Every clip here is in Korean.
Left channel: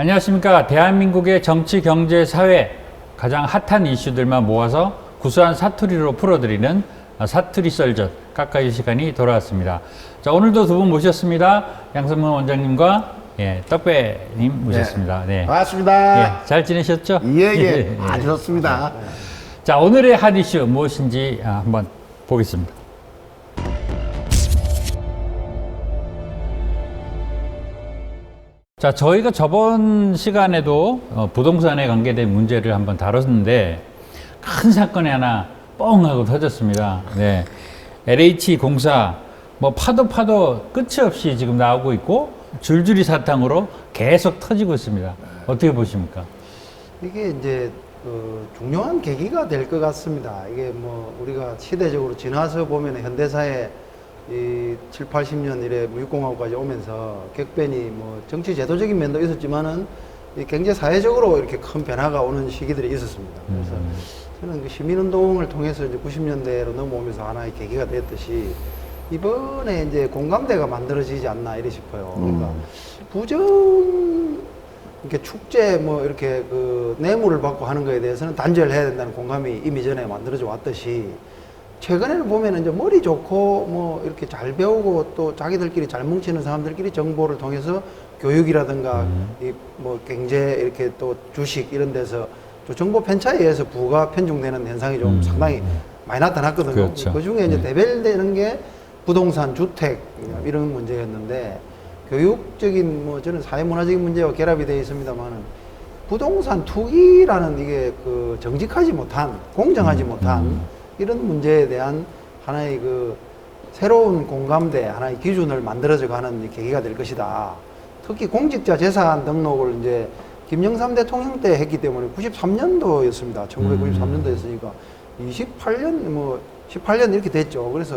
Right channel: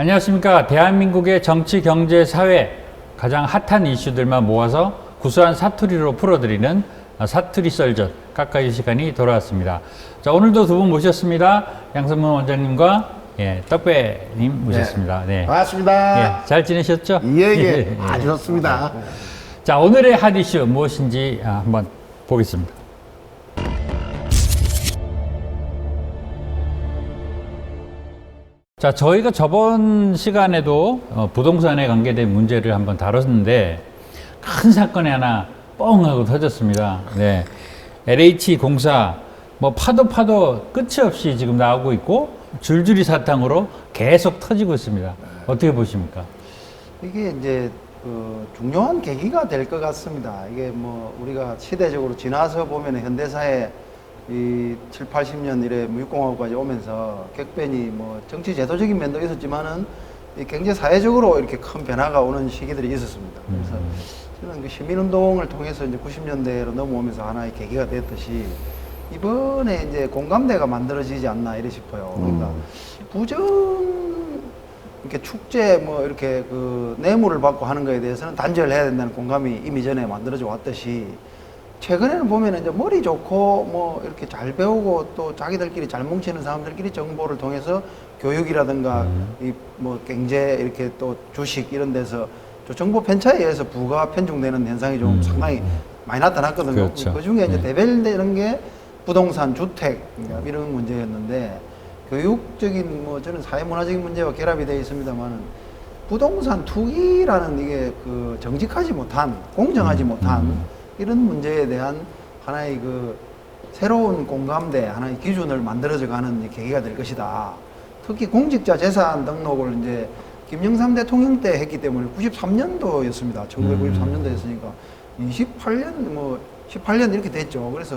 안녕하십니까. 대한민국의 정치, 경제, 사회 가장 핫한 이슈들만 모아서 구수한 사투리로 풀어드리는 사투리 썰전 가까이 시간이 돌아왔습니다. 자, 오늘도 두 분 모셨습니다. 양선문 원장님과 예, 떡배님 모셨습니다. 네. 반갑습니다. 예, 잘 지내셨죠? 예, 예. 아주 좋습니다. 자, 오늘의 핫 이슈 무엇인지 아, 한번 보겠습니다. 자, 저희가 저번 시간에도 어, 부동산에 관계된 문제를 한번 다뤘는데 큰 사건이 하나 뻥 하고 터졌습니다. 네. LH 공사 뭐 파도 파도 끝이 없이 지금 나오고 있고 줄줄이 사탕으로 계속 터지고 있습니다. 어떻게 보십니까? 이게 이제 그 중요한 계기가 될 것 같습니다. 이게 뭐 우리가 시대적으로 지나서 보면 현대사에 이 7, 80년 이래 물공화국까지 오면서 격변이 뭐 정치 제도적인 면도 있었지만은 이 경제 사회적으로 이렇게 큰 변화가 오는 시기들이 있었습니다. 음. 그래서 그 시민운동을 통해서 이제 90년대로 넘어오면서 하나의 계기가 됐듯이 이번에 이제 공감대가 만들어지지 않나 이래 싶어요. 음. 부정 이렇게 축제 뭐 이렇게 그 뇌물을 받고 하는 거에 대해서는 단절해야 된다는 공감이 이미 전에 만들어져 왔듯이 최근에는 보면은 이제 머리 좋고 뭐 이렇게 잘 배우고 또 자기들끼리 잘 뭉치는 사람들끼리 정보를 통해서 교육이라든가 음. 이뭐 경제 이렇게 또 주식 이런 데서 또 정보 편차에 의해서 부가 편중되는 현상이 좀 음. 상당히 많이 나타났거든요. 그렇죠. 그 중에 이제 네. 대별되는 게 부동산, 주택 뭐 이런 문제였는데 교육적인 뭐 저는 사회문화적인 문제와 결합이 되어 있습니다만 부동산 투기라는 이게 그 정직하지 못한 공정하지 음, 못한 음. 이런 문제에 대한 하나의 그 새로운 공감대 하나의 기준을 만들어져가는 계기가 될 것이다. 특히 공직자 재산 등록을 이제 김영삼 대통령 때 했기 때문에 93년도였습니다. 1993년도였으니까 28년 뭐 18년 이렇게 됐죠. 그래서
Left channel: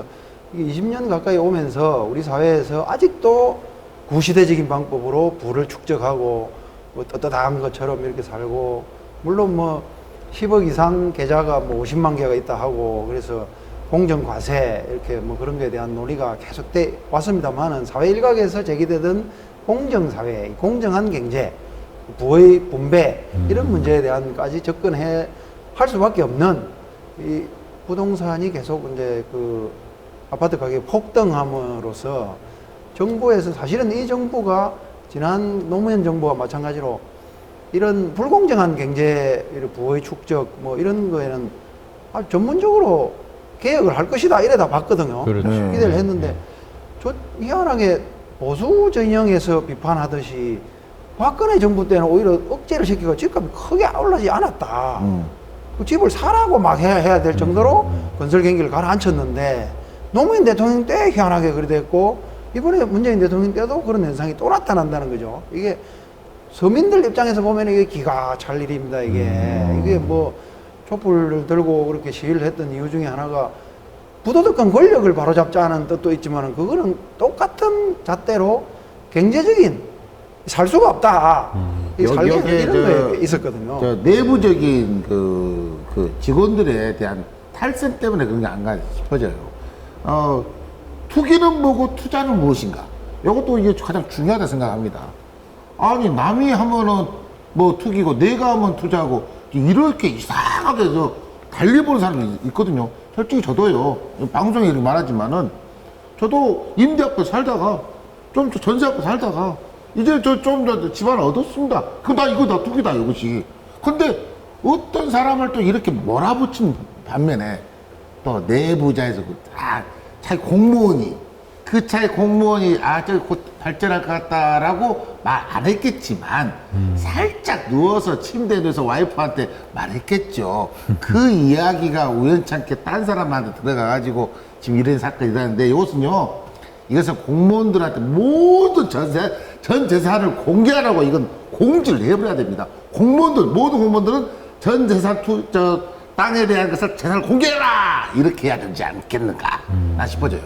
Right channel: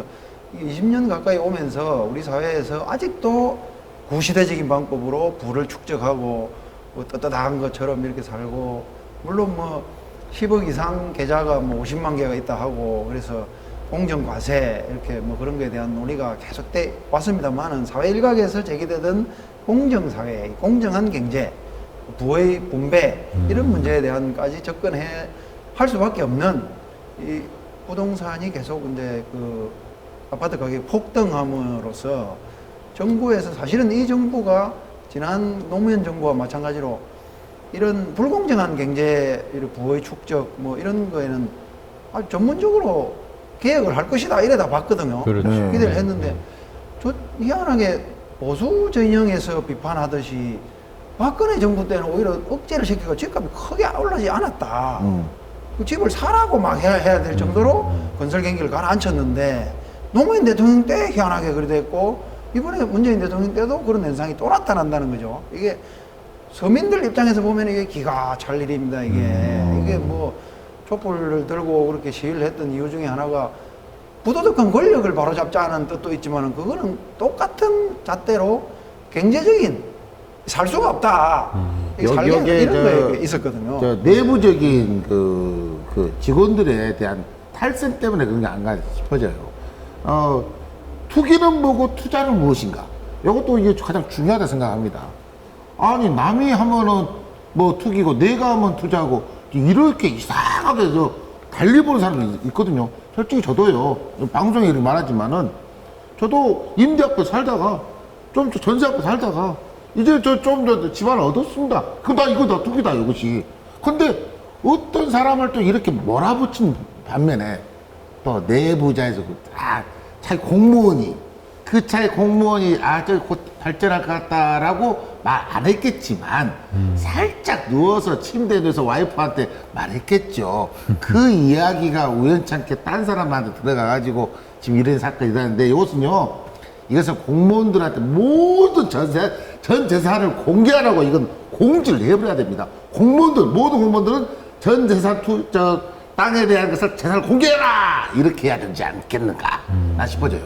20년 가까이 오면서 우리 사회에서 아직도 구시대적인 방법으로 부를 축적하고 뭐 떳떳한 것처럼 이렇게 살고 물론 뭐 10억 이상 계좌가 뭐 50만 개가 있다 하고 그래서 공정 과세 이렇게 뭐 그런 거에 대한 논의가 계속돼 왔습니다만은 사회 일각에서 제기되던 공정 사회, 공정한 경제, 부의 분배 이런 음. 문제에 대한까지 접근해 할 수밖에 없는 이 부동산이 계속 이제 그 아파트 가격이 폭등함으로써 정부에서 사실은 이 정부가 지난 노무현 정부와 마찬가지로 이런 불공정한 경제 부의 축적 뭐 이런 거에는 아, 전문적으로 개혁을 할 것이다 이래다 봤거든요. 그렇죠. 네. 기대를 네, 했는데 네. 저 희한하게 보수 진영에서 비판하듯이 박근혜 정부 때는 오히려 억제를 시키고 집값이 크게 올라지 않았다. 음. 그 집을 사라고 막 해야, 해야 될 정도로 음, 음. 건설 경기를 가라앉혔는데 노무현 대통령 때 희한하게 그래 됐고 이번에 문재인 대통령 때도 그런 현상이 또 나타난다는 거죠. 이게 서민들 입장에서 보면 이게 기가 찰 일입니다. 이게 음. 이게 뭐 촛불을 들고 그렇게 시위를 했던 이유 중에 하나가 부도덕한 권력을 바로잡자는 뜻도 있지만 그거는 똑같은 잣대로 경제적인 살 수가 없다. 음. 여- 여기에 저- 게 있었거든요. 저 내부적인 그, 그 직원들에 대한 탈선 때문에 그런 게 아닌가 싶어져요. 어, 투기는 뭐고 투자는 무엇인가? 이것도 이게 가장 중요하다 생각합니다. 아니, 남이 하면은 뭐 투기고 내가 하면 투자고 이렇게 이상하게 저 달리 보는 사람이 있거든요. 솔직히 저도요. 방송에 이렇게 말하지만은 저도 임대하고 살다가 좀 전세하고 살다가 이제 저 좀 더 집안을 얻었습니다. 그럼 나 이거 다 투기다 이것이. 근데 어떤 사람을 또 이렇게 몰아붙인 반면에 또 내부자에서 그다 자기 공무원이 그 차에 공무원이 아저곧 발전할 것 같다라고 말 안 했겠지만 살짝 누워서 침대에 누워서 와이프한테 말했겠죠. 그 이야기가 우연찮게 딴 사람한테 들어가가지고 지금 이런 사건이 일어났는데 이것은요. 이것은 공무원들한테 모든 전세, 전 재산을 공개하라고 이건 공지를 해버려야 됩니다. 공무원들, 모든 공무원들은 전 재산 투, 저, 땅에 대한 것을 재산을 공개해라! 이렇게 해야 되지 않겠는가? 나 싶어져요.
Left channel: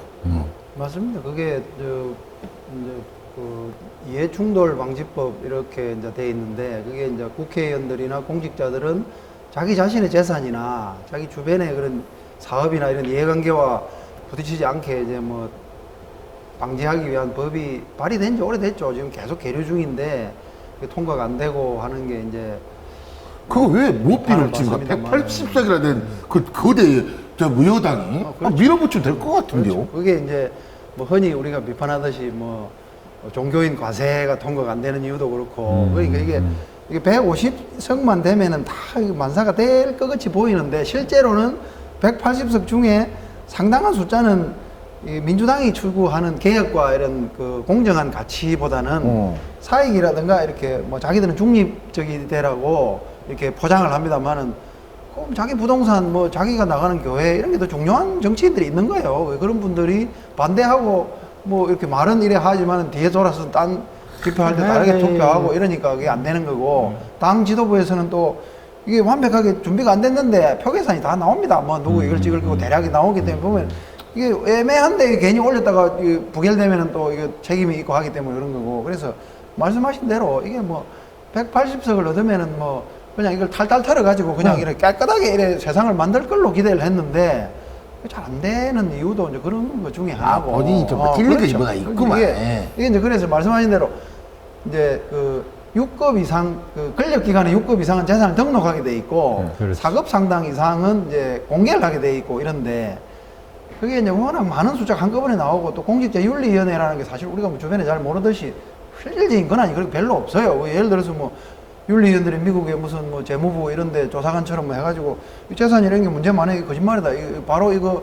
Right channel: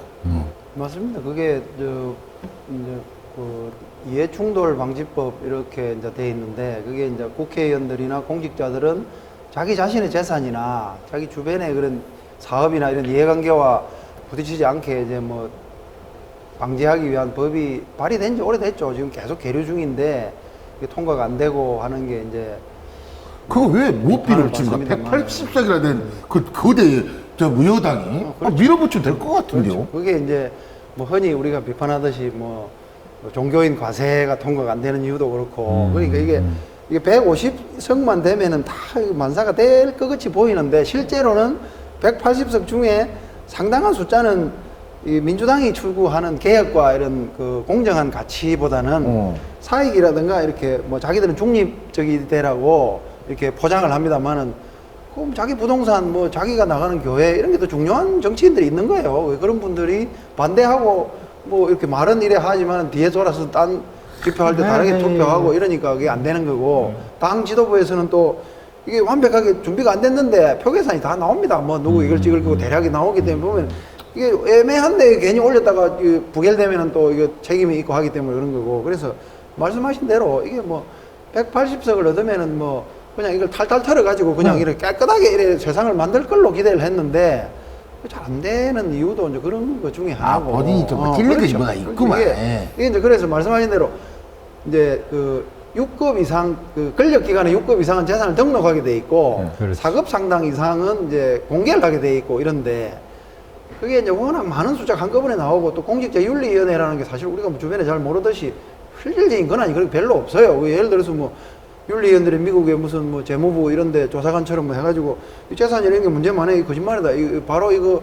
맞습니다. 그게 저 이제 그 이해 충돌 방지법 이렇게 이제 돼 있는데 이게 이제 국회의원들이나 공직자들은 자기 자신의 재산이나 자기 주변의 그런 사업이나 이런 이해관계와 부딪히지 않게 이제 뭐 방지하기 위한 법이 발의된 지 오래됐죠. 지금 계속 계류 중인데 통과가 안 되고 하는 게 이제 그거 왜 못 밀어붙입니까? 180석이나 된그 거대 저 무효당이 아, 밀어붙이면 될 것 같은데요. 그게 이제 뭐 흔히 우리가 비판하듯이 뭐 종교인 과세가 통과가 안 되는 이유도 그렇고 음, 그러니까 이게 음. 이게 150석만 되면은 다 만사가 될 것 같이 보이는데 실제로는 180석 중에 상당한 숫자는 이 민주당이 추구하는 개혁과 이런 그 공정한 가치보다는 어. 사익이라든가 이렇게 뭐 자기들은 중립적이 되라고 이렇게 포장을 합니다만은 꼭 자기 부동산 뭐 자기가 나가는 교회 여기도 중요한 정치인들이 있는 거예요. 그런 분들이 반대하고 뭐 이렇게 말은 이래 하지만 뒤에 돌아서 딴 투표할 때 다르게 네. 투표하고 이러니까 그게 안 되는 거고 당 지도부에서는 또 이게 완벽하게 준비가 안 됐는데 표 계산이 다 나옵니다. 뭐 누구 이걸 찍을 거고 대략이 나오기 때문에 보면 이게 애매한데 괜히 올렸다가 이 부결되면은 또 이게 책임이 있고 하기 때문에 그런 거고 그래서 말씀하신 대로 이게 뭐 180석을 얻으면은 뭐 그냥 이걸 탈탈 털어 가지고 그냥 응. 이렇게 깨끗하게 이래 세상을 만들 걸로 기대를 했는데 잘 안 되는 이유도 이제 그런 것 중에 아, 하나고 본인이 좀 찔린 것이 뭐가 있구만. 이게, 이게 이제 그래서 말씀하신 대로 이제 그 6급 이상 그 권력 기관의 6급 이상은 재산을 등록하게 돼 있고 네, 그렇지. 4급 상당 이상은 이제 공개를 하게 돼 있고 이런데 그게 이제 워낙 많은 숫자가 한꺼번에 나오고 또 공직자 윤리위원회라는 게 사실 우리가 주변에 잘 모르듯이 실질적인 권한이 그렇게 별로 없어요. 뭐 예를 들어서 뭐 윤리위원들이 미국의 무슨 뭐 재무부 이런 데 조사관처럼 해가지고 이 재산 이런 게 문제 많이 거짓말이다. 이거 바로 이거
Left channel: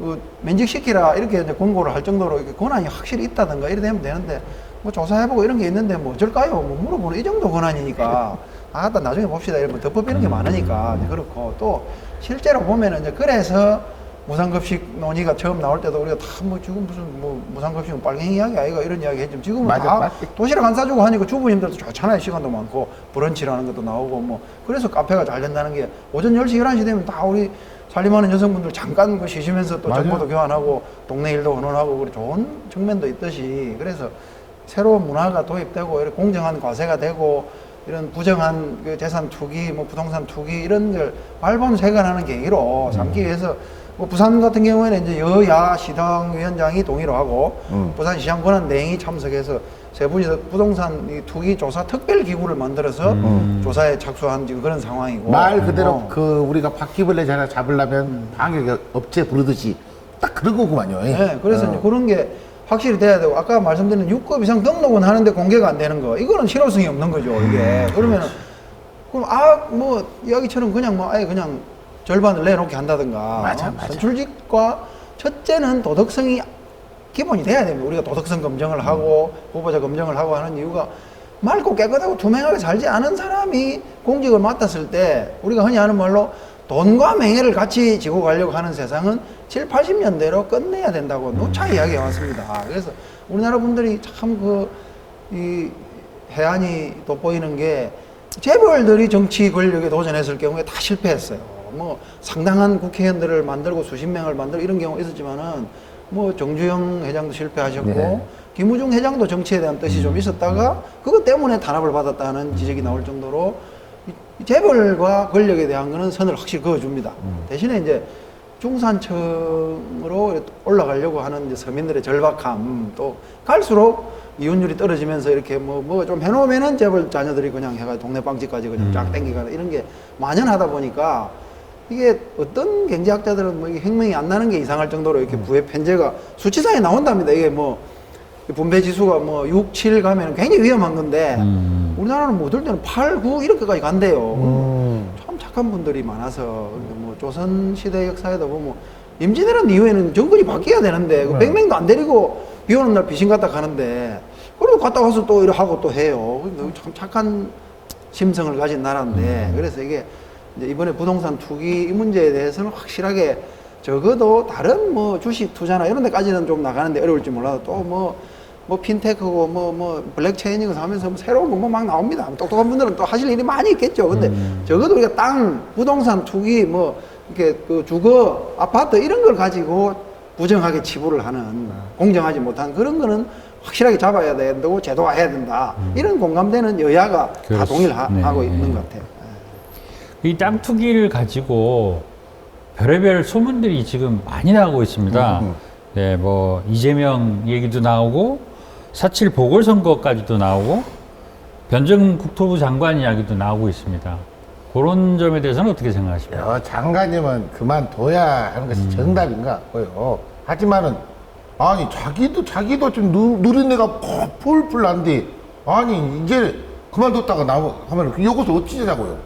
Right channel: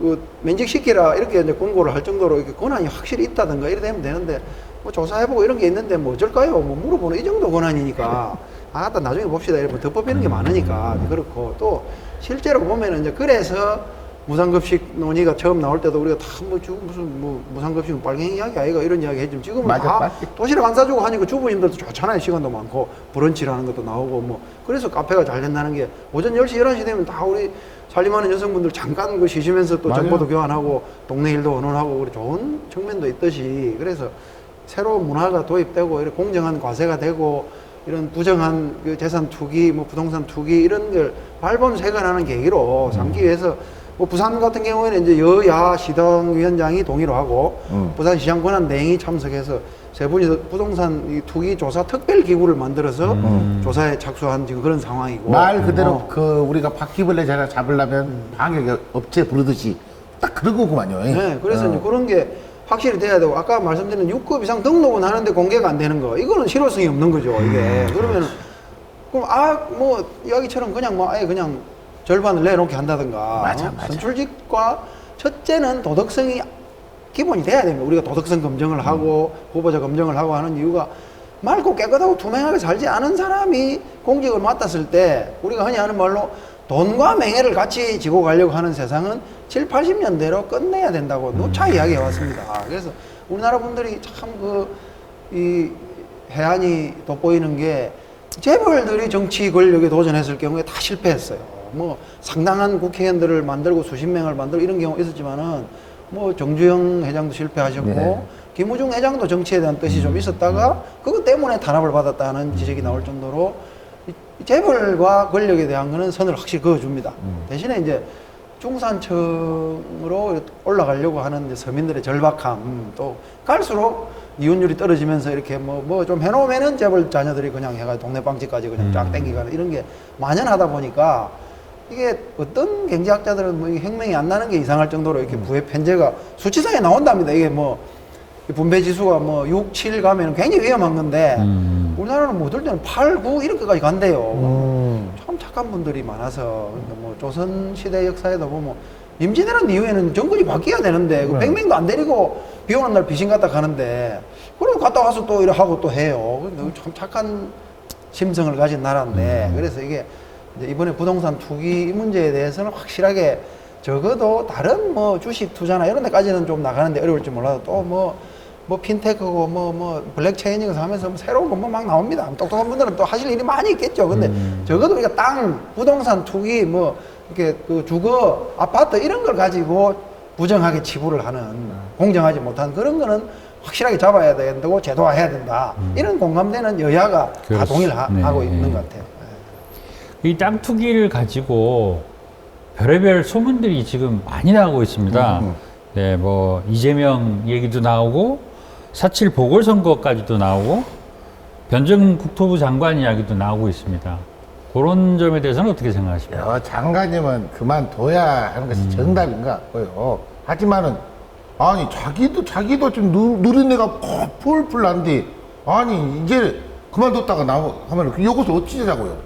그 면직시키라 이렇게 이제 공고를 할 정도로 권한이 확실히 있다든가 이래 되면 되는데 뭐 조사해보고 이런 게 있는데 뭐 어쩔까요? 뭐 물어보는 이 정도 권한이니까 아, 일단 나중에 봅시다. 이렇게 덮어 이런 게 많으니까 그렇고 또 실제로 보면은 이제 그래서 무상급식 논의가 처음 나올 때도 우리가 다 뭐 지금 무슨 뭐 무상급식 빨갱이 이야기 아이가 이런 이야기 했지 지금은 맞아, 다 맞아. 도시락 안 싸주고 하니까 주부님들도 좋잖아요 시간도 많고 브런치라는 것도 나오고 뭐 그래서 카페가 잘 된다는 게 오전 10시 11시 되면 다 우리 살림하는 여성분들 잠깐 그 쉬시면서 또 맞아요. 정보도 교환하고 동네 일도 그런 좋은 측면도 있듯이 그래서 새로운 문화가 도입되고 이런 공정한 과세가 되고 이런 부정한 그 재산 투기, 뭐 부동산 투기 이런 걸 발본색원하는 계기로 삼기 위해서 뭐 부산 같은 경우에는 이제 여야 시정위원장이 동의를 하고 음. 부산시장 권한 대행이 참석해서 세 분이서 부동산 이 투기 조사 특별 기구를 만들어서 음. 조사에 착수한 지금 그런 상황이고 말 그대로 그 우리가 바퀴벌레 자를 잡으려면 방역 업체 부르듯이 딱 그런 거구만요. 네, 그래서 어. 이제 그런 게 확실히 돼야 되고 아까 말씀드린 6급 이상 등록은 하는데 공개가 안 되는 거 이거는 실효성이 없는 거죠. 음, 이게. 그러면 그럼 아뭐 이야기처럼 그냥 뭐 아예 그냥 절반을 내놓게 한다든가 맞아, 어? 맞아. 전출직과 첫째는 도덕성이 기본이 돼야 돼요. 우리가 도덕성 검증을 하고 후보자 검증을 하고 하는 이유가 맑고 깨끗하고 투명하게 살지 않은 사람이 공직을 맡았을 때 우리가 흔히 하는 말로 돈과 명예를 같이 지고 가려고 하는 세상은 7, 80년대로 끝내야 된다고 누차 이야기해 왔습니다. 그래서 우리나라 분들이 참 그 이 해안이 돋보이는 게 재벌들이 정치 권력에 도전했을 경우에 다 실패했어요. 뭐 상당한 국회의원들을 만들고 수십 명을 만들고 이런 경우가 있었지만은 뭐 정주영 회장도 실패하셨고 네. 김우중 회장도 정치에 대한 뜻이 좀 있었다가 그것 때문에 탄압을 받았다는 지적이 나올 정도로 이 재벌과 권력에 대한 거는 선을 확실히 그어줍니다. 대신에 이제 중산층으로 올라가려고 하는 서민들의 절박함 또 갈수록 이혼율이 떨어지면서 이렇게 뭐 뭐 좀 해놓으면은 재벌 자녀들이 그냥 내가 동네 방집까지 그냥 음. 쫙 땡겨가 이런 게 만연하다 보니까 이게 어떤 경제학자들은 뭐 혁명이 안 나는 게 이상할 정도로 이렇게 부의 편제가 수치상에 나온답니다. 이게 뭐 분배 지수가 뭐 6, 7 가면 굉장히 위험한 건데 음. 우리나라는 뭐 어떨 때는 8, 9 이렇게까지 간대요. 음. 참 착한 분들이 많아서 뭐 조선 시대 역사에도 보면 임진왜란 이후에는 정권이 바뀌어야 되는데 네. 맹맹도 안 데리고 비오는 날 귀신 갔다 가는데 그리고 갔다 와서 또 이래 하고 또 해요. 참 착한 심성을 가진 나라인데 그래서 이게 이번에 부동산 투기 문제에 대해서는 확실하게 적어도 다른 뭐 주식 투자나 이런 데까지는 좀 나가는데 어려울지 몰라도 또뭐 뭐 핀테크고 뭐뭐 블랙체인이고 하면서 새로운 공부 막 나옵니다. 똑똑한 분들은 또 하실 일이 많이 있겠죠. 근데 음. 적어도 우리가 땅, 부동산 투기, 뭐 이렇게 그 주거, 아파트 이런 걸 가지고 부정하게 치부를 하는 공정하지 못한 그런 거는 확실하게 잡아야 되고 제도화해야 된다. 이런 공감대는 여야가 다 음. 하, 네. 고 있는 것 같아요. 이 땅 투기를 가지고 별의별 소문들이 지금 많이 나오고 있습니다. 음. 네, 뭐 이재명 얘기도 나오고 사칠 보궐선거까지도 나오고 변정 국토부 장관 이야기도 나오고 있습니다. 그런 점에 대해서는 어떻게 생각하십니까? 야, 장관님은 그만둬야 하는 것이 정답인 것 같고요. 하지만은 아니 자기도 자기도 좀 누, 누린내가 폴폴 난데 아니 이제 그만뒀다가 나오 하면 그 여기서 어찌자고요?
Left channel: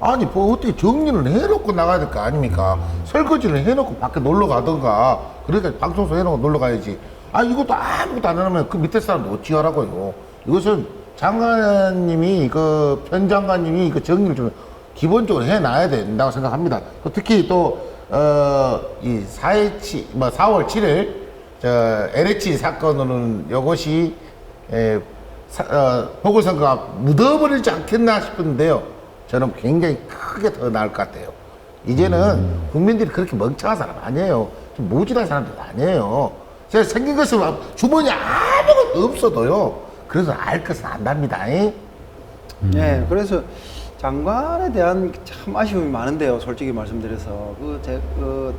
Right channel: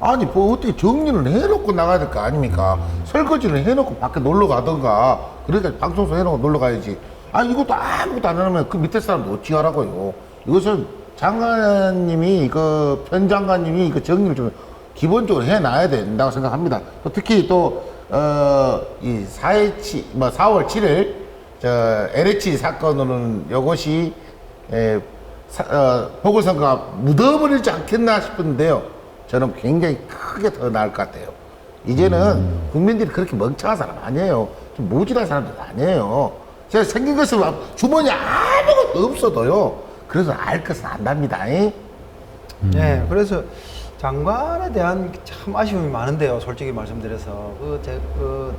아니 뭐 어떻게 정리를 해놓고 나가야 될 거 아닙니까? 설거지를 해놓고 밖에 놀러 가던가 그러니까 방송소 해놓고 놀러 가야지. 아 이것도 아무것도 안 하면 그 밑에 사람도 어찌 하라고요? 이것은 장관님이 그 편 장관님이 그 정리를 좀 기본적으로 해놔야 된다고 생각합니다. 또 특히 또, 어, 이 4일, 뭐 4월 7일, 저, LH 사건으로는 이것이, 에, 사, 어, 보궐선거가 묻어버리지 않겠나 싶은데요. 저는 굉장히 크게 더 나을 것 같아요. 이제는 국민들이 그렇게 멍청한 사람 아니에요. 좀 모질한 사람들 아니에요. 제가 생긴 것은 주머니 아무것도 없어도요. 그래서 알 것은 안답니다. 잉? 네, 그래서 장관에 대한 참 아쉬움이 많은데요. 솔직히 말씀드려서 그, 제, 그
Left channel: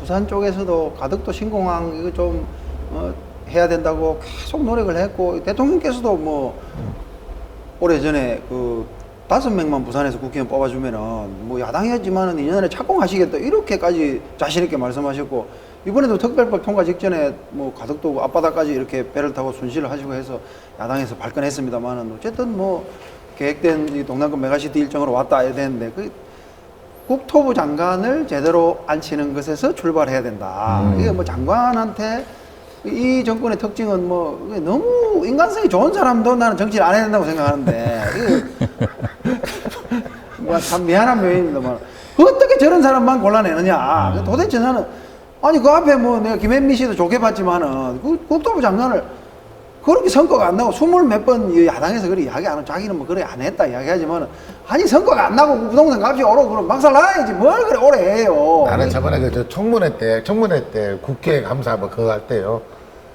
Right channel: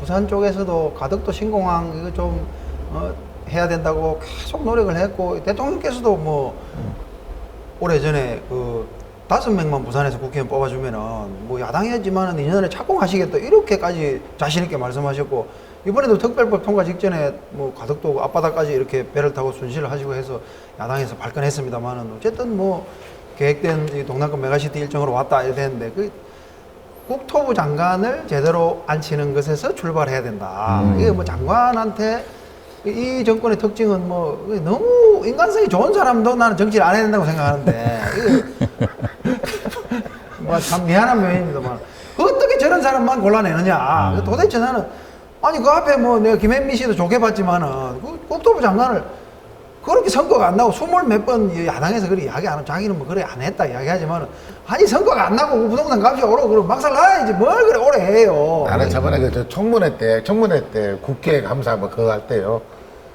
부산 쪽에서도 가덕도 신공항 이거 좀 어, 해야 된다고 계속 노력을 했고 대통령께서도 뭐 오래 전에 그 다섯 명만 부산에서 국회의원 뽑아주면은 뭐 야당이었지만은 내년에 착공하시겠다 이렇게까지 자신 있게 말씀하셨고 이번에도 특별법 통과 직전에 뭐 가덕도 앞바다까지 이렇게 배를 타고 순시를 하시고 해서 야당에서 발끈했습니다만은 어쨌든 뭐 계획된 이 동남권 메가시티 일정으로 왔다 이렇게 했는데 그 국토부 장관을 제대로 앉히는 것에서 출발해야 된다. 음. 이게 뭐 장관한테 이 정권의 특징은 뭐 너무 인간성이 좋은 사람도 나는 정치를 안 해야 된다고 생각하는데 뭐참 미안한 면입니다. 뭐. 어떻게 저런 사람만 골라내느냐. 음. 도대체 나는 아니 그 앞에 뭐 내가 김현미 씨도 좋게 봤지만은 그 국토부 장관을 그렇게 선거가 안 나고 스물 몇 번 야당에서 그렇게 이야기 안 하고 자기는 뭐 그래 안 했다 이야기하지만 아니 선거가 안 나고 부동산 값이 오르고 그럼 막살 나야지 뭘 그래 오래 해요. 나는 저번에 그저 청문회 때, 청문회 때 국회 감사 뭐 그거 할 때요.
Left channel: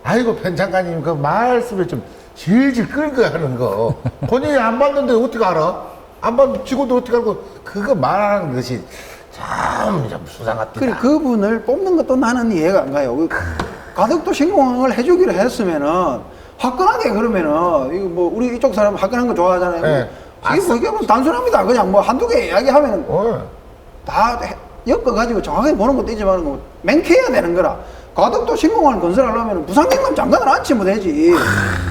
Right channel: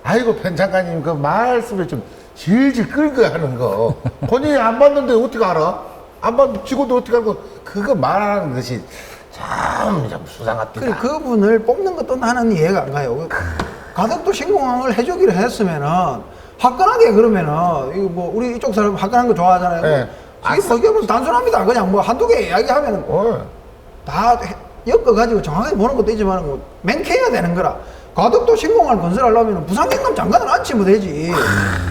아이고 편 장관님 그 말씀을 좀 질질 끌고 하는 거 본인이 안 봤는데 어떻게 알아? 안 봤는데 직원도 어떻게 알고 그거 말하는 것이 참, 참 그, 수상합니다. 그분을 뽑는 것도 나는 이해가 안 가요. 그 가덕도 신공항을 해주기로 했으면은 화끈하게 그러면은 이거 뭐 우리 이쪽 사람 화끈한 거 좋아하잖아요. 네. 아싸. 이게 무슨 단순합니다. 그냥 뭐 한두 개 이야기하면은 어. 다 엮어가지고 정확하게 보는 것도 있지만 뭐 맹쾌해야 되는 거라. 가덕도 신공항을 건설하려면 부산경감 장관을 앉히면 되지.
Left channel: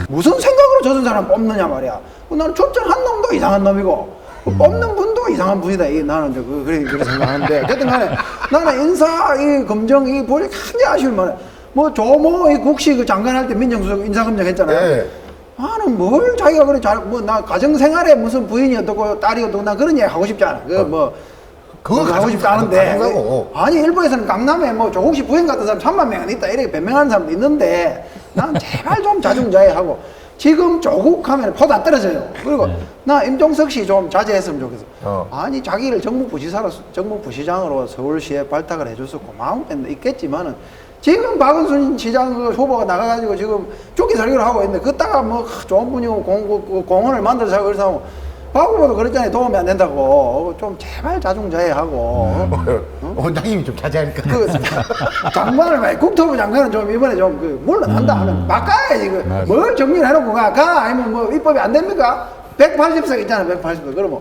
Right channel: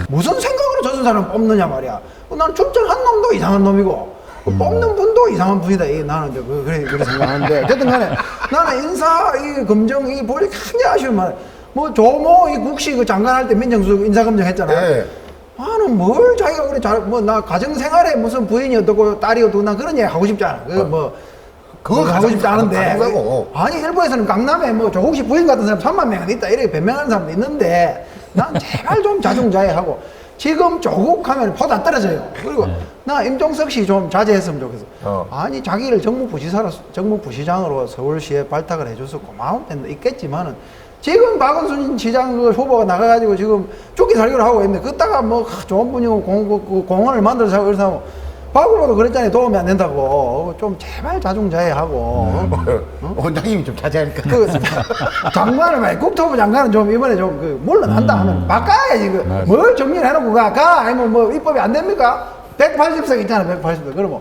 무슨 생각으로 저런 사람 뽑느냐 말이야. 난 출전한 놈도 이상한 놈이고 뽑는 분도 이상한 분이다. 이 나는 그 그래 생각하는데 나는, 나는 인사 이 검정 이 보니 굉장히 아쉬울 만. 뭐 조모 이 국시 그 장관할 때 민정수석 인사검증 했잖아요. 네. 뭘 자기가 그래 잘뭐 나 가정 생활에 무슨 부인이 어떻고 딸이 어떻고 나 그런 얘기 하고 싶지 않아. 그뭐 그거 가장 가능하고. 아니 일부에서는 강남에 뭐 조국식 부인 같은 사람 3만 명은 있다 이렇게 변명하는 사람도 있는데 난 제발 좀 자중자애하고 지금 조국 하면 포도 안 떨어져요. 그리고 네. 나 임종석 씨 좀 자제했으면 좋겠어. 어. 아니 자기를 정무부시사로 정무부시장으로 서울시에 발탁을 해줘서 고마운 데 있겠지만은 지금 박은순 시장 그 후보가 나가가지고 지금 쪼기 살기로 하고 있는데 그따가 뭐 하, 좋은 분이고 공, 그 공원을 만들어서 하고 그래서 박 후보도 그랬잖아요 도움이 안 된다고. 좀 제발 자중자애하고. 원장님이 좀 자제하니까. 그 장관을 말 국토부 장관은 좀 이번에 좀 그 물러난다. 음. 바꿔야지 그 맞아. 뭘 정리를 해놓고 가, 가 아니면 뭐 입법이 안 됩니까? 180석 있잖아 180석. 그러면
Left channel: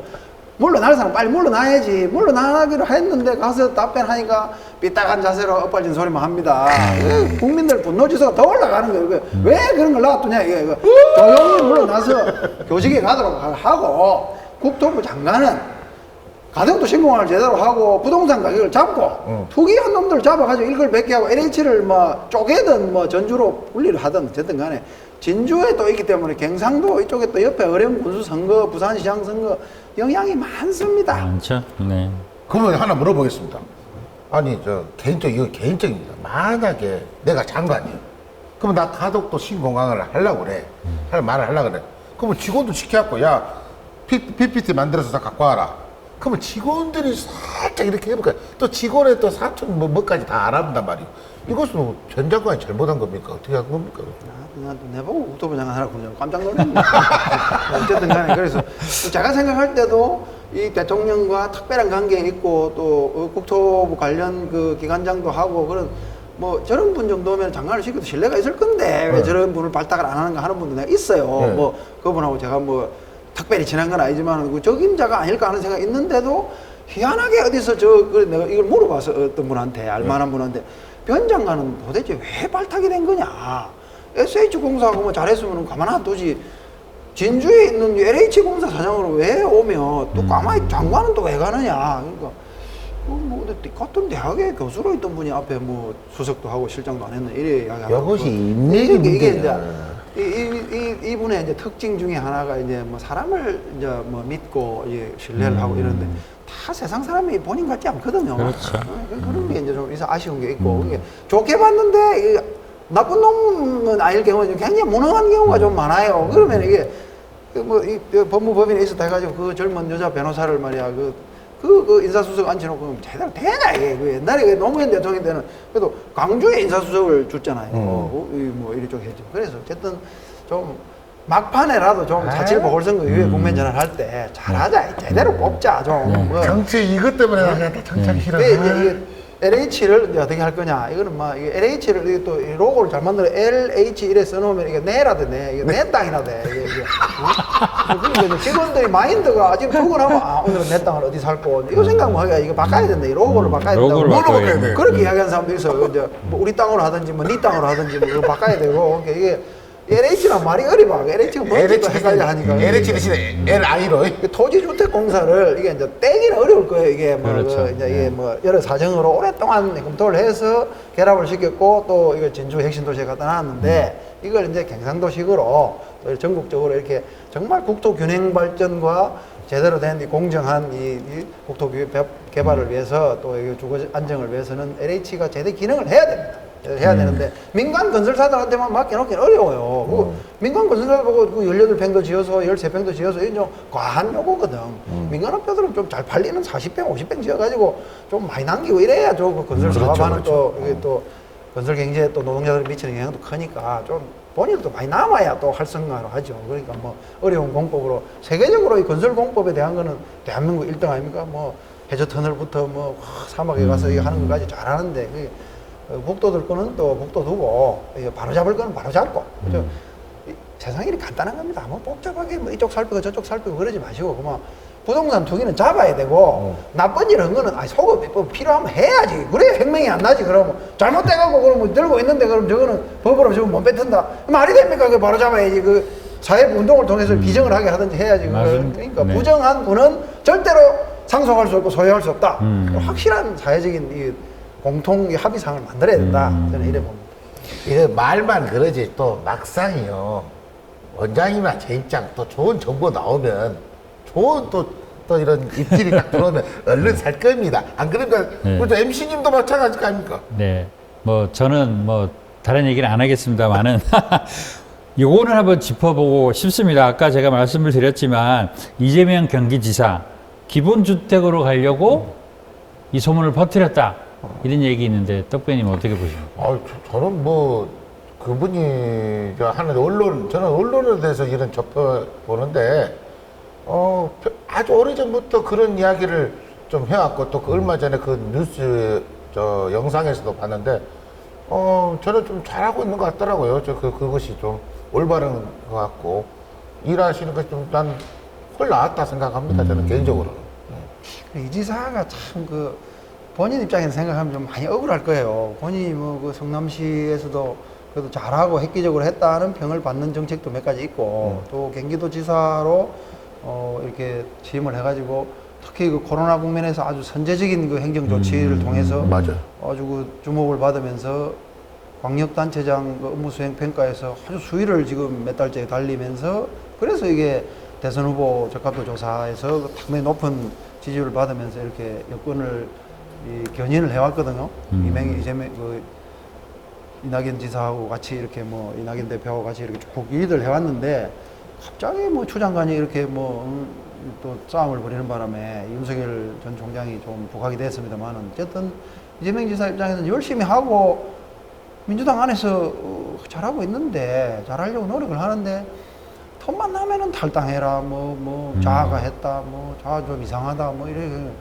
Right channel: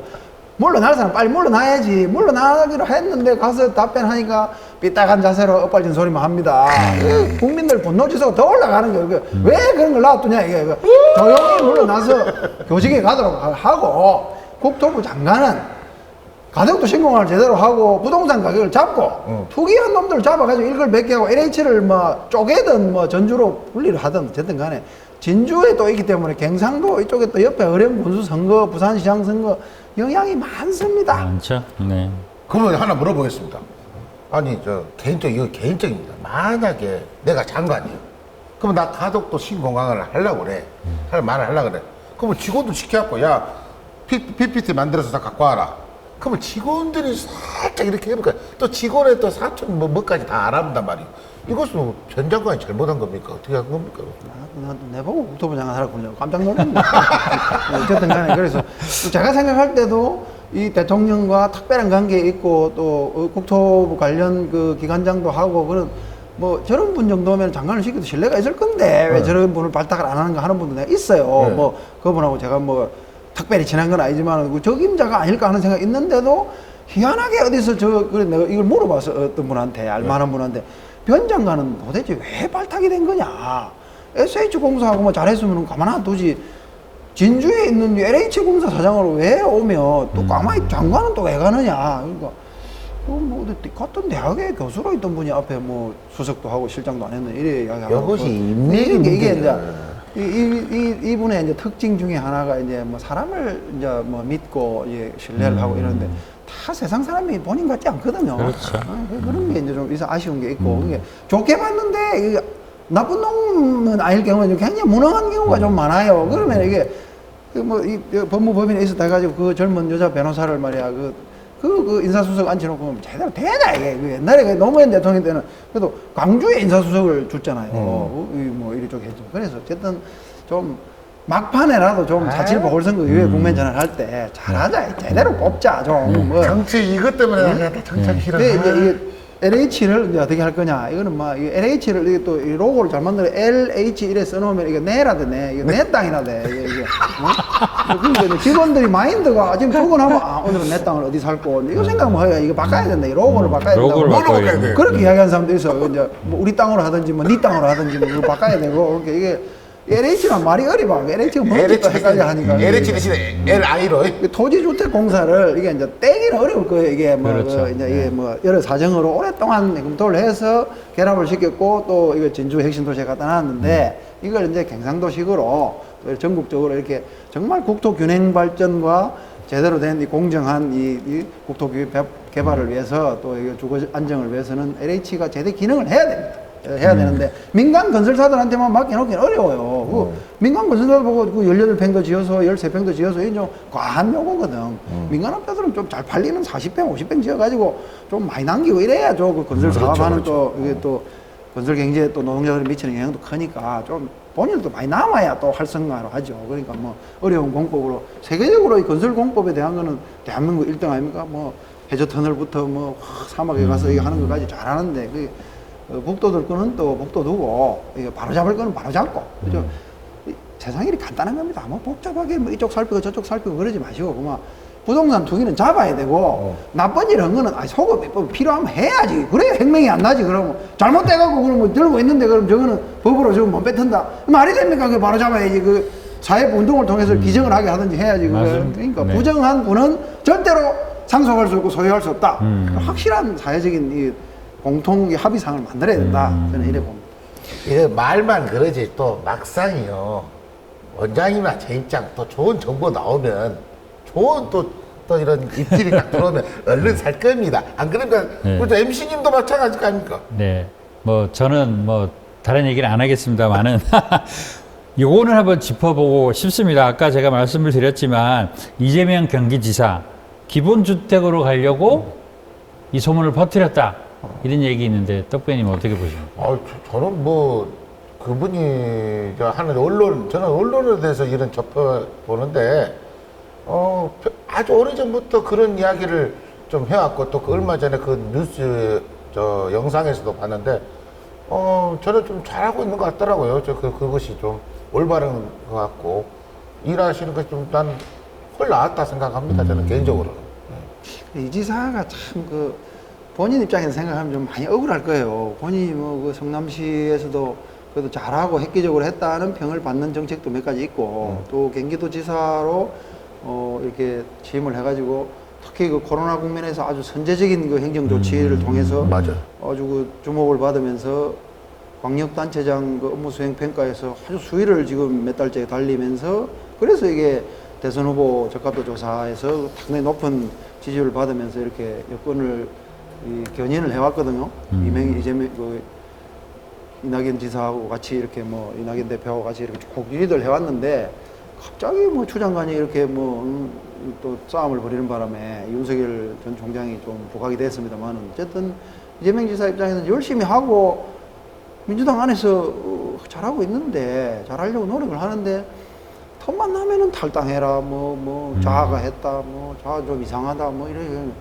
물러날 사람 빨리 물러나야지. 물러나기로 했는데 가서 답변하니까 삐딱한 자세로 엇갈진 소리만 합니다 네. 국민들 분노 지수가 더 올라가는 거예요 그 음. 왜 그런 걸 놔두냐 이게 이거 조용히 물러나서 교직에 가도록 하고 국토부 장관은 가격도 신공을 제대로 하고 부동산 가격을 잡고 응. 투기한 놈들 잡아가지고 이걸 몇 개 하고 LH를 뭐 쪼개든 뭐 전주로 분리를 하든 됐든 간에 진주에 또 있기 때문에 경상도 이쪽에 또 옆에 어려운 군수 선거 부산시장 선거 영향이 많습니다. 많죠. 네. 그러면 하나 물어보겠습니다. 아니 저 개인적 이거 개인적입니다. 만약에 내가 장관이야. 그러면 나 가덕도 신공항을 하려고 그래. 할 말을 하려고 그래. 그러면 직원도 시켜갖고 야 PPT 만들어서 다 갖고 와라. 그러면 직원들이 살짝 이렇게 해볼까? 또 직원의 또 사촌 뭐 뭐까지 다 알아본단 말이에요. 이것은 뭐전 장관이 잘못한 겁니까? 어떻게 한 겁니까? 내가 국토부 장관 하라군요. 깜짝 놀랐네. 그래서 제가 생각할 때도 이 대통령과 특별한 관계 있고 또그 국토부 관련 그 기관장도 하고 그런 뭐 저런 분 정도면 장관을 시켜도 신뢰가 있을 건데 왜 네. 저런 분을 발탁을 안 하는가 하는 분이 있어요. 네. 뭐 그분하고 제가 뭐 특별히 친한 건 아니지만 그 적임자가 아닐까 하는 생각이 있는데도 희한하게 어디서 저 그래 내가 이걸 물어봤어 어떤 분한테 알만한 분한테 변장관은 도대체 왜 발탁이 된 거냐 SH 공사하고 뭐 잘했으면 가만 안 두지 진주에 있는 LH 공사 사장으로 왜 오면 또 음. 가만히 장관은 또 왜 가느냐 그러니까 뭐 같은 대학에 교수로 있던 분이 앞에 뭐 수석도 하고 실장도 안 했는데 이래 이것이 인맥이 문제야. 이, 이, 이, 이분의 이제 특징 중에 하나가 이제 뭐 사람을 이제 뭐 믿고 이제 신뢰를 하고 음. 이러는데 다 세상 사람이 본인 같지 않거든요. 그렇죠. 그런 게 이제 좀 아쉬운 게 있고 음. 좋게 봤는데 이 나쁜 놈은 아닐 경우는 굉장히 무능한 경우가 좀 많아요. 그러면 이게 그 뭐, 이, 이 법무법인에 있었다 해가지고 그 젊은 여자 변호사를 말이야, 그, 그, 그 인사수석 앉혀놓고 제대로 되냐, 이게. 그 옛날에 그 노무현 대통령 때는 그래도 광주에 인사수석을 줬잖아요. 음. 그, 이 뭐, 이쪽에서. 그래서 어쨌든 좀 막판에라도 좀 아이. 자치 보궐선거 이후에 음. 국면 전환 할 때 잘하자. 제대로 뽑자. 좀. 네. 뭐. 정치 이것 때문에 내가 다 정착 네. 싫어. 아. LH를 어떻게 할 거냐 이거는 막 LH를 또이 로고를 잘 만들어 LH 이래 써놓으면 이거 내라도 내 이거 내 땅이라 돼 이게, 이게. 어? 직원들이 마인드가 지금 그거는 아 오늘 내 땅을 어디 살거 이거 생각하면 하기가 이거 바꿔야 된다 이 로고를 바꿔야 로고를 된다. 바꿔야 돼. 돼. 그렇게 이야기하는 사람도 있어요 이제 뭐 우리 땅으로 하든지 뭐 네 땅으로 하든지 뭐 이거 바꿔야 되고 그러니까 이게 LH랑 말이 어려워 LH는 LH 헷갈려 대신 하니까 LH 대신에 LI로. 토지주택 공사를 이게 이제 떼기는 어려울 거예요 이게 뭐 그렇죠. 이제 네. 뭐 여러 사정으로 오랫동안 검토를 해서 결합을 시켰고 또 이거 진주 핵심 도시에 갖다 놨는데 음. 이걸 이제 경상도식으로 전국적으로 이렇게 정말 국토 균형 발전과 제대로 된 이 공정한 이, 이 국토 개- 개발을 음. 위해서 또이 주거 안정을 위해서는 LH가 제대 기능을 해야 돼. 해야 음. 되는데 민간 건설사들한테만 맡겨놓기는 어려워요. 음. 민간 건설사 보고 그 18평도 지어서 13평도 지어서 이게 좀 과한 요구거든. 음. 민간 업자들은 좀 잘 팔리면 40평, 50평 지어가지고 좀 많이 남기고 이래야 좀 건설 그렇죠, 사업하는 그렇죠. 또 이게 어. 또 건설 경제에 또 노동자들 미치는 영향도 크니까 좀 본인도 많이 남아야 또 활성화를 하죠. 그러니까 뭐 어려운 공법으로 세계적으로 이 건설 공법에 대한 거는 대한민국 1등 아닙니까? 뭐 해저 터널부터 뭐 사막에 가서 이거 하는 것까지 잘하는데 그 어, 복도들 거는 또 복도 두고 바로 잡을 거는 바로 잡고 그죠? 음. 이 세상이 간단한 겁니다. 뭐 복잡하게 뭐 이쪽 살피고 저쪽 살피고 그러지 마시고 그만 부동산 투기는 잡아야 되고 어. 나쁜 일 한 거는 아, 속을 뭐 필요하면 해야지 그래 행명이 안 나지 그러면 잘못돼갖고 그럼 뭐 들고 있는데 그럼 저거는 법으로 지금 못 뱉은다 말이 됩니까 그 바로 잡아야지 그 사회 운동을 통해서 음. 비정을 하게 하든지 해야지 맞습니다. 그러니까 네. 부정한 분은 절대로 상속할 수 없고 소유할 수 없다 음. 확실한 사회적인 이 공통의 합의상을 만들어야 된다 음. 저는 이래 봅니다. 이게 말만 그러지 또 막상이요. 원장이나 제 입장 또 좋은 정보 나오면 좋은 또, 또 이런 입질이 딱 들어오면 얼른 살 겁니다. 안 그러니까 네. 그렇죠. MC님도 마찬가지 아닙니까? 네. 뭐 저는 뭐 다른 얘기는 안 하겠습니다만은 요거는 한번 짚어보고 싶습니다. 아까 제가 말씀을 드렸지만 이재명 경기지사 기본주택으로 가려고 이 소문을 퍼뜨렸다. 이런 얘기 있는데 떡배님 어떻게 보십니까? 아, 저, 저는 뭐 그분이 저 하는 언론 저는 언론에 대해서 이런 접해 보는데 어 벼- 아주 오래 전부터 그런 이야기를 좀 해왔고 또 그 얼마 전에 그 뉴스 저 영상에서도 봤는데 어 저는 좀 잘하고 있는 것 같더라고요. 저 그 그것이 좀 올바른 것 같고 일하시는 것이 좀난 훨 나았다 생각합니다. 저는 개인적으로. 이 지사가 참그 본인 입장에서 생각하면 좀 많이 억울할 거예요. 본인이 뭐그 성남시에서도 그래도 잘하고 획기적으로 했다는 평을 받는 정책도 몇 가지 있고 음. 또 경기도지사로 어 이렇게 취임을 해가지고 특히 그 코로나 국면에서 아주 선제적인 그 행정 조치를 음, 통해서 맞아. 아주 그 주목을 받으면서 광역단체장 그 업무 수행 평가에서 아주 수위를 지금 몇 달째 달리면서 그래서 이게 대선 후보 적합도 조사에서 상당히 높은 지지를 받으면서 이렇게 유권을 이 견인을 해왔거든요. 음. 이명희 이재명 그 이낙연 지사하고 같이 이렇게 뭐 이낙연 대표하고 같이 이렇게 복귀를 해왔는데 갑자기 뭐 추장관이 이렇게 뭐또 싸움을 벌이는 바람에 윤석열 전 총장이 좀 도각이 됐습니다만 어쨌든 이재명 지사 입장에서는 열심히 하고 민주당 안에서 어, 잘하고 있는데 잘하려고 노력을 하는데 틈만 나면은 탈당해라 뭐뭐 음. 자아가 했다 뭐 자아 좀 이상하다 뭐 이래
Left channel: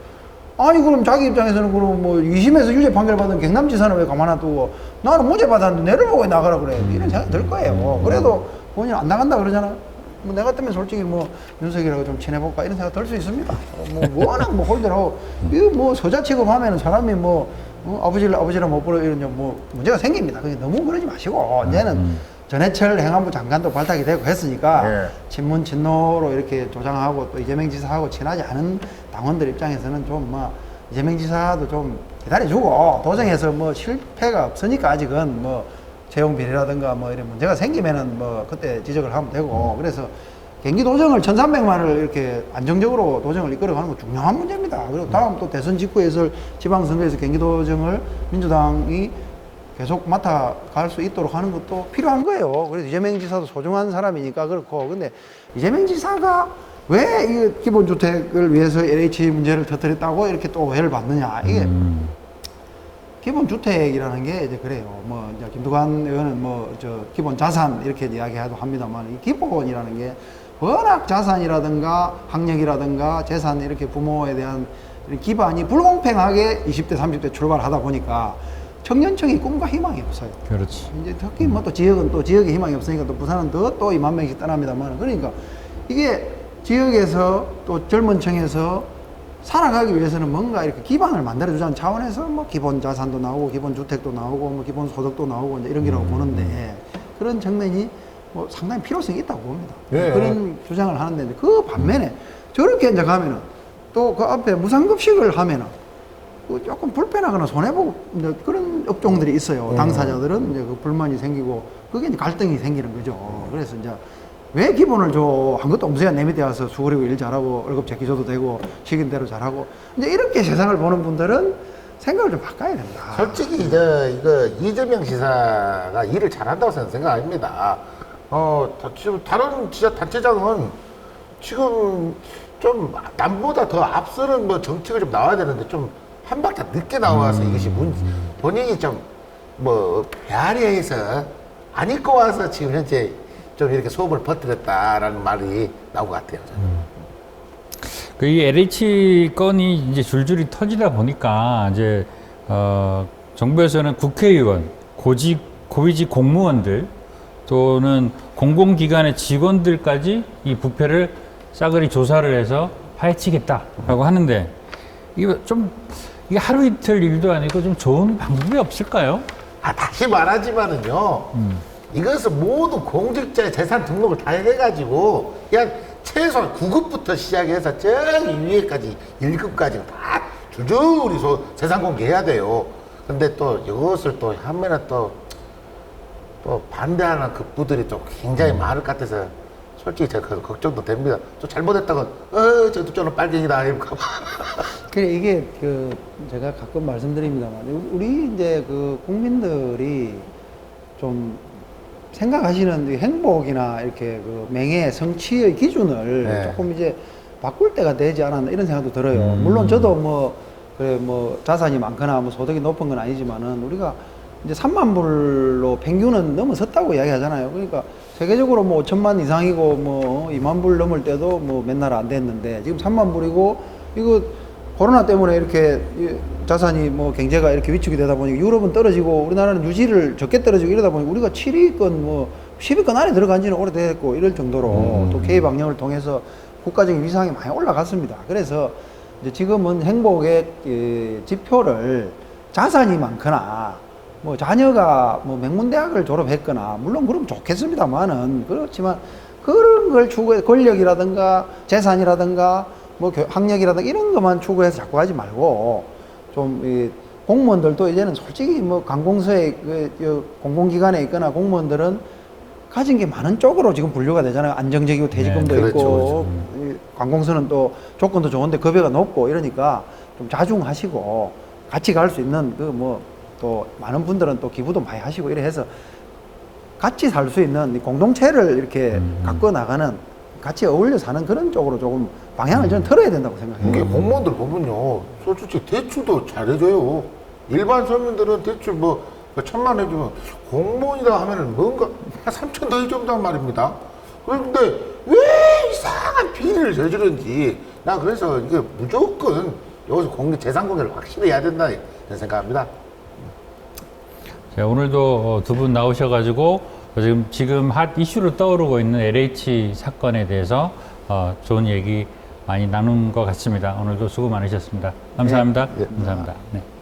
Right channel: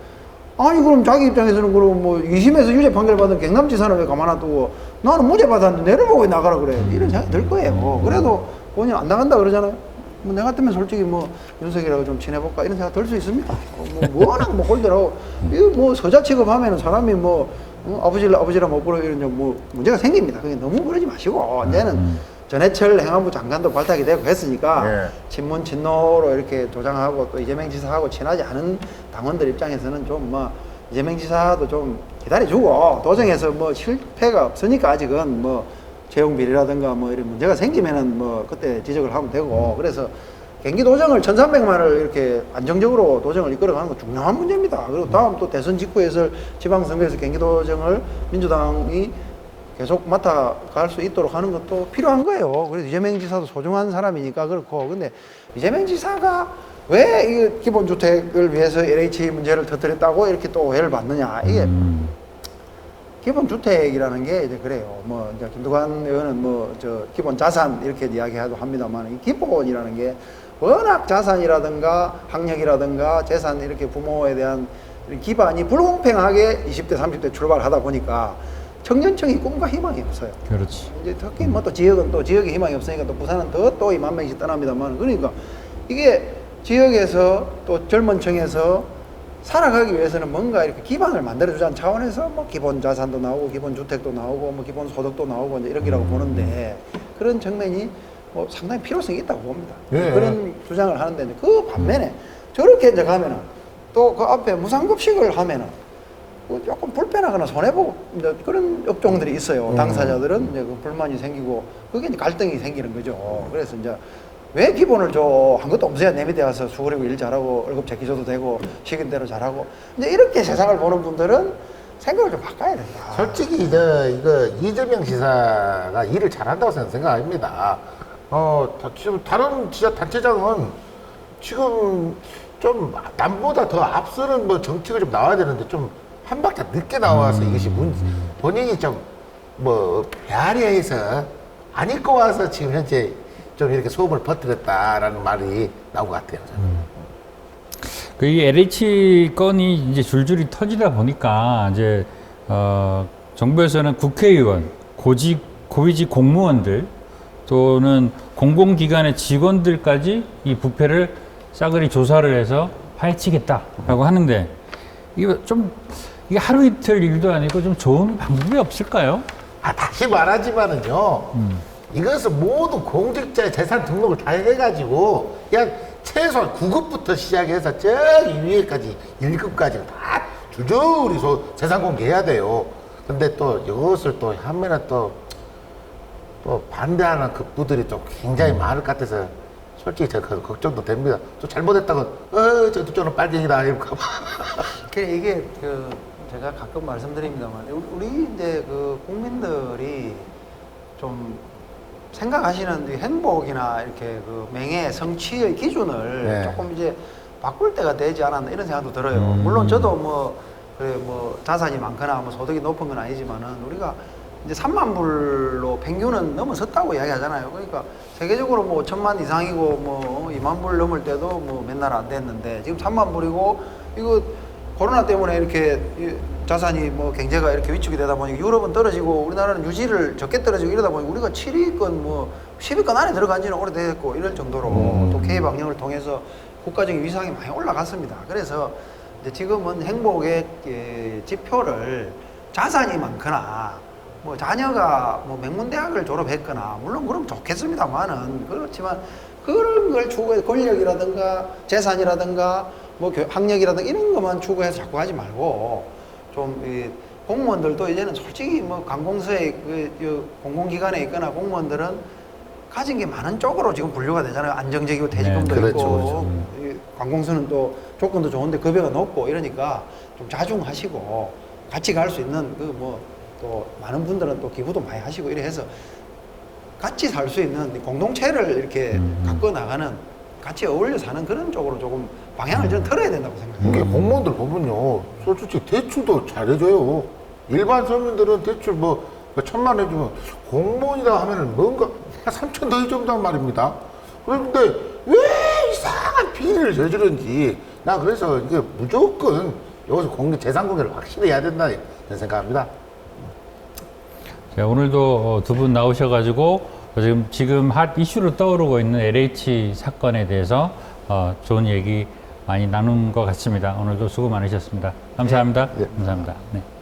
아니 그럼 자기 입장에서는 그럼 뭐 2심에서 유죄 판결 받은 경남지사는 왜 가만 안 두고 나는 무죄 받았는데 내려보고 왜 나가라 그래 이런 생각 들 거예요 음. 그래도 본인 안 나간다 그러잖아 뭐 내가 같으면 솔직히 뭐 윤석이라고 좀 지내볼까 이런 생각 들 수 있습니다. 뭐 워낙 뭐 이게 뭐 서자 취급하면은 사람이 뭐, 뭐 아버지를 아버지라 못 부르고 이제 뭐 문제가 생깁니다. 너무 그러지 마시고 어, 이제는 음. 전해철 행안부 장관도 발탁이 되고 했으니까 예. 친문 친노로 이렇게 조장하고 또 이재명 지사하고 친하지 않은 당원들 입장에서는 좀 뭐 이재명 지사도 좀 기다려주고 도정에서 뭐 실패가 없으니까 아직은 뭐 채용 비리라든가 뭐 이런 문제가 생기면은 뭐 그때 지적을 하면 되고 그래서 경기 도정을 1,300만을 이렇게 안정적으로 도정을 이끌어가는 건 중요한 문제입니다. 그리고 다음 또 대선 직후에 있을 지방선거에서 경기 도정을 민주당이 계속 맡아갈 수 있도록 하는 것도 필요한 이재명 지사가 왜 이 기본주택을 위해서 LH 문제를 터뜨렸다고 이렇게 또 오해를 받느냐 이게 음. 기본주택이라는 게 이제 그래요. 뭐 이제 김두관 의원은 뭐 저 기본 자산 이렇게 이야기하고 합니다만 이 기본이라는 게 워낙 자산이라든가 학력이라든가 재산 이렇게 부모에 대한 이 기반이 불공평하게 20대 30대 출발하다 보니까 청년층이 꿈과 희망이 없어요. 그렇지. 근데 특히 뭐또 지역은 또 지역에 희망이 없으니까 또 부산은 더 또 2만 명씩 떠납니다만 그러니까 이게 지역에서 또 젊은 층에서 살아가기 위해서는 뭔가 기반을 만들어주자는 차원에서 뭐 기본 자산도 나오고 기본 주택도 나오고 뭐 기본 소득도 나오고 이런 게라고 음. 보는데 그런 정책이 뭐 상당히 필요성이 있다고 봅니다. 예. 그런 주장을 하는데 그 반면에 저렇게 이제 가면은 또 그 앞에 무상급식을 하면은 그 조금 불편하거나 손해보고 이제 그런 업종들이 있어요. 음. 당사자들은 이제 그 불만이 생기고 그게 이제 갈등이 생기는 거죠. 그래서 이제 왜 기본을 줘? 한 것도 없어야 내 밑에 와서 수그리고 일 잘하고 월급 제끼줘도 되고 시킨대로 잘하고 이제 이렇게 세상을 보는 분들은 생각을 좀 바꿔야 돼요. 솔직히 저 이거 이재명 지사가 일을 잘한다고 저는 생각합니다. 어 다- 지금 다른 지자 단체장은 지금 좀 남보다 더 앞서는 뭐 정책을 좀 나와야 되는데 좀 한 박자 늦게 나와서 이것이 문 본인이 좀 뭐 배아리해서 안 입고 와서 지금 현재 좀 이렇게 소음을 퍼뜨렸다라는 말이 나온 것 같아요. 저는. 그이 LH 건이 이제 줄줄이 터지다 보니까 이제 어 정부에서는 국회의원, 고직 고위직 공무원들 또는 공공기관의 직원들까지 이 부패를 싸그리 조사를 해서 파헤치겠다라고 하는데 이거 좀 이게 하루 이틀 일도 아니고 좀 좋은 방법이 없을까요? 아, 다시 말하지만은요, 이것은 모든 공직자의 재산 등록을 다 해가지고, 그냥 최소한 9급부터 시작해서 저기 위에까지 1급까지 다 줄줄이 소, 재산 공개해야 돼요. 근데 또 이것을 또 한면에 또, 또 반대하는 급부들이 또 굉장히 많을 것 같아서, 솔직히 제가 그 걱정도 됩니다. 또 잘못했다고, 어, 저 저는 빨갱이다. 이럴까 이게 그 제가 가끔 말씀드립니다만 우리 이제 그 국민들이 좀 생각하시는 그 행복이나 이렇게 그 명예 성취의 기준을 네. 조금 이제 바꿀 때가 되지 않았나 이런 생각도 들어요. 음. 물론 저도 뭐 그 뭐 자산이 많거나 뭐 소득이 높은 건 아니지만은 우리가 이제 3만 불로 평균은 넘어섰다고 이야기하잖아요. 그러니까 세계적으로 뭐 5천만 이상이고 뭐 2만 불 넘을 때도 뭐 맨날 안 됐는데 지금 3만 불이고 이거 코로나 때문에 이렇게 이 자산이 뭐 경제가 이렇게 위축이 되다 보니 유럽은 떨어지고 우리나라는 유지를 적게 떨어지고 이러다 보니 우리가 7위권 뭐 10위권 안에 들어간 지는 오래됐고 이런 정도로 음. 또 K 방역을 통해서 국가적인 위상이 많이 올라갔습니다. 그래서 지금은 행복의 그 지표를 자산이 많거나 뭐 자녀가 뭐 명문대학을 졸업했거나 물론 그럼 좋겠습니다만은 그렇지만 그런 걸 추구해 권력이라든가 재산이라든가 뭐 교- 학력이라든가 이런 것만 추구해서 자꾸 하지 말고 좀이 공무원들도 이제는 솔직히 뭐 관공서에 그, 그 공공기관에 있거나 공무원들은 가진 게 많은 쪽으로 지금 분류가 되잖아요. 안정적이고 퇴직금도 네, 그렇죠, 있고 그렇죠. 이 관공서는 또 조건도 좋은데 급여가 높고 이러니까 좀 자중하시고 같이 갈 수 있는 그 뭐 또 많은 분들은 또 기부도 많이 하시고 이래 해서 같이 살 수 있는 공동체를 이렇게 음. 갖고 나가는 같이 어울려 사는 그런 쪽으로 조금 방향을 저는 틀어야 된다고 생각합니다. 이게 공무원들 보면요, 솔직히 대출도 잘해줘요. 일반 서민들은 대출 뭐, 뭐 천만 해주면 공무원이다 하면은 뭔가 한 삼천 더 해준단 말입니다. 그런데 왜 이상한 비리를 저지르는지 나 그래서 이게 무조건 여기서 공개 재산 공개를 확실히 해야 된다 이런 생각합니다. 자, 오늘도 어, 두분 나오셔가지고 지금 지금 핫 이슈로 떠오르고 있는 LH 사건에 대해서 어, 좋은 얘기 많이 나눈 것 같습니다. 오늘도 수고 많으셨습니다. 감사합니다. 예. 감사합니다. 네.